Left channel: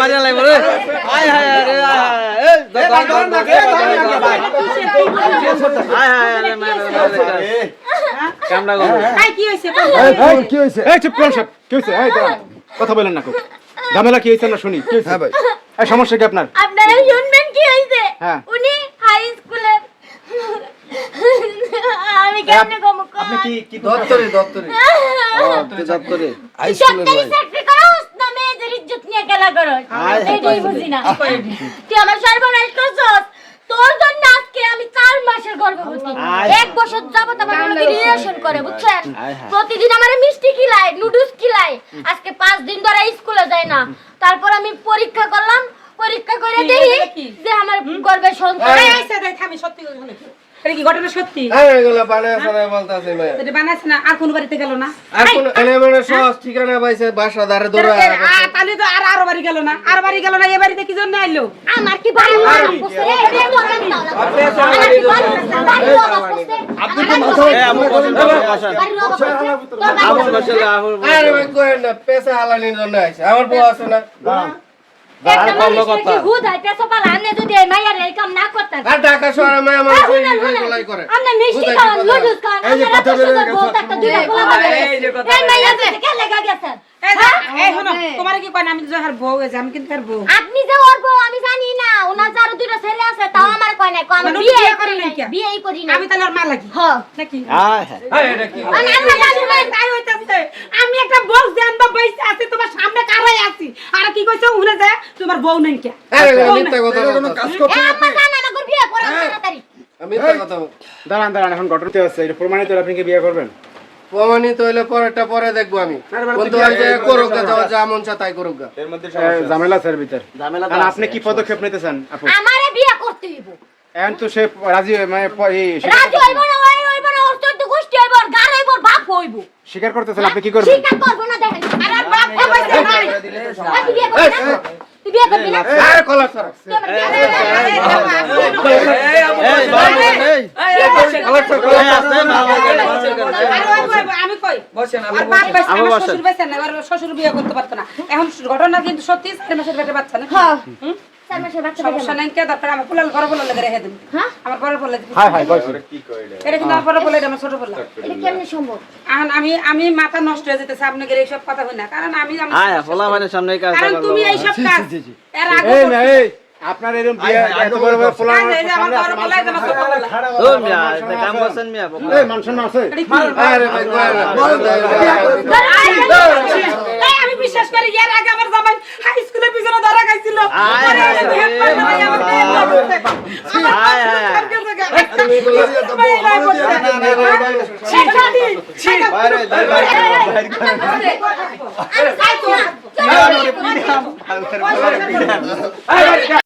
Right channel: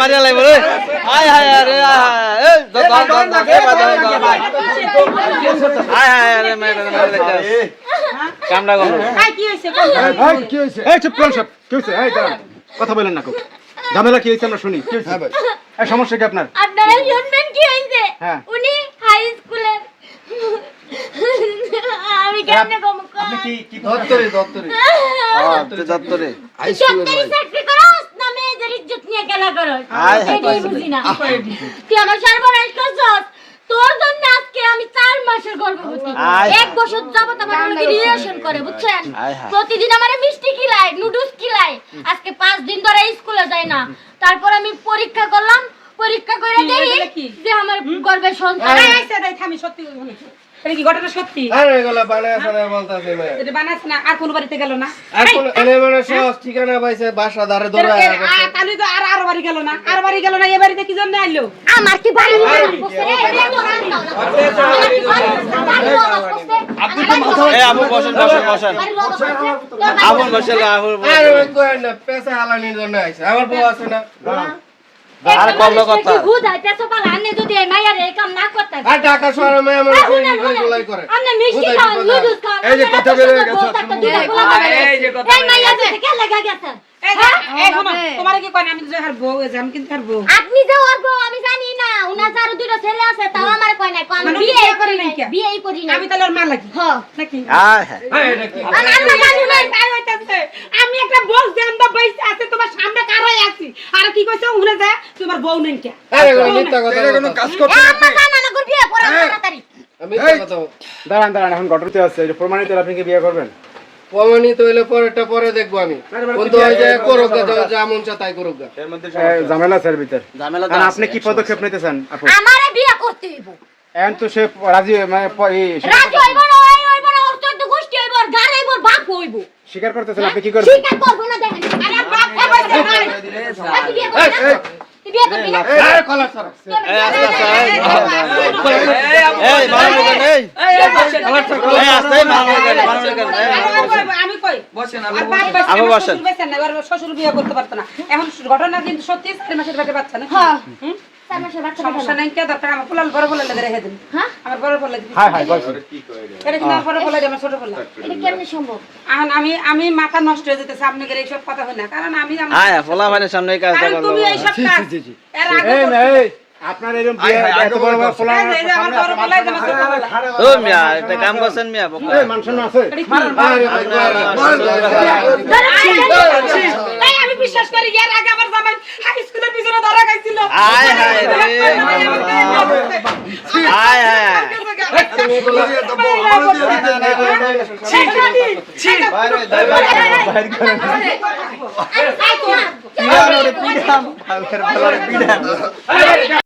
মারিয়া লাগবে রে আয় হায় আরে কামড়া গো কি হয়েছে এই চুপ করুন সব কি হয়েছে এই দাঁড়ান কথা বলেন না ঝামেলা কি হয়েছে আমরা শুনি কি হয়েছে ভাই এই সমস্যা কি আপনারা শুনবেন কি হয়েছে উনি হাই স্কুলের আমি কেমনে কম আপনি কি দপ্তরে হাই স্কুলে চাকরি করস না মেয়েদের ইজ্জত নিয়ে খেলা করস এটাই বুঝি না তুই আমার সর্বনাশ করছস তোর জন্য আজকে আমি 4 মাসের গর্ভবতী 1 বছর যাবত আমার লগে রিলেশন করে বুঝছেন প্রতিদিন আমারে মিষ্টি খিলায় নুডলস খিলায় আজকে 5 দিন ধরে স্কুলে যাই না তারপর আমি পরীক্ষা করলাম পরীক্ষা করে দেখি যে আমার গর্ভে সন্তান আইছে দেখ আমি সত্যি বলি এটা কি ঘটনা সত্যি আরে এগুলা বানায় সারা বলতাছে ভাই এটা বানাছ না আর কোন বাড়িতে গেল না আর কোন এনে মানে সব ঠিকানা পাইছে বাসা ধারে দৌড়া তাহলে তো আর বাড়ি গেল না আর বাড়ি গেল না এই বাড়িতে কি জন্য আইলো আমার কি বাড়ি আপনি তো মাথা এই আবু বসেন আবু বসেন আরে ভাই কই না পয়সা হালানির জন্য আইছে আমার বউ আছে না আর কল্লো কথা বুঝাই পেছো পালা আনে যদি এই মাইয়ার এই কাম না করতে আর ঢাকা শহরে মায়া মানুষ ওইগুলাই করে আনে মিষ্টি খাওয়া লুডুস খাওয়া এই যে কথা বলে গেছে এই যে কথা এই মাইয়া যে কে লাগা গেছে এই শোনো তোমার কি কয় না আমি তো আর বউ আমি কিন্তু আর বউ আপনি যে ওর বউ আমি জানি না ওনার যার দুটো ছেলে আছে তাও আমার কয় না আমি বিয়ে করি না আমি তাহলে আর মা লাগি হ্যাঁ নাকি এটা কি আমি একটা বউ জানবা বাইসে আছে তোমার সামনে কারাই আছি আর কি কইছো উনে যায় তোমার বউ নাই কে আরে মিথ্যা কথা এটা কোনো কাজ করছেন আপনি আমার বিয়ে করে তাড়াতাড়ি মিথ্যা কথা দাঁড়ান এখন ঘটনাতে আছে এটা প্রমাণিত হলে আপনি কি বিয়ে করবেন প্রমাণিত হইলে পরেরটা পরে দেখবো আমি বন্ধু ওই যে করুক যা মন চায় তাই করুক এর মধ্যে ঝামেলা স্যার ভিতর ঝামেলা কারণ আপনি কি পদক্ষেপ নিতে চান আপু আমারে বিয়ে করতে হইব এখন তো সে রাজি মানে রাজি হইব না হইব না ওর তো গোষ্ঠী হইব আর গার হইব বাপ হইব স্বীকার করতেছেন আপনি কি করবেন স্বীকার করব না দেখেন আরে বাপ তুই বিয়ে করবি না তুই বিয়ে করবি না এই কলা সর এই মারামারি করেন এই এই আস্তে মারামারি করেন আমি কই বসেন আবু বসেন শ্বশুর বিয়ে করতে পারতো না এখন ঘটনা কিন্তু সত্যি 4 মাসের পেটে বাচ্চা না হ্যাঁ 4 মাসের বাচ্চা সমস্যা নাই কে দরকার আমার পোলাল বড় পোলাল লাগে রেখে দিন হ্যাঁ আমার বড় পোলাল হাই বলছি এটা কিন্তু আমার বড় পোলাল আমার ছোট পোলাল এটা কেমনে সম্ভব এখন আমি মাথা নষ্ট হয়ে যেতেছে আপনাদের এইসব কথা হয় না কারণ আমি আয় ফলা ভাইনের সামনে এই কাজটা করব তুমি এইসব কাজ এর আগে এই আপনার এরকম বিয়ে এত বড় বড় পোলা আমার বড় পোলাল আমার ছোট পোলাল ও মিয়া এটা কাম করছেন মিয়া এই মানুষের আছে আরে ভাই এই আমি বিশ্বাস করি এর আগে আমার জামাই হাই স্কুলে পিছনে ধরা খাইছিল আয় হায় রে আয় হায় তুমি বলে দিয়ে তো বাইরে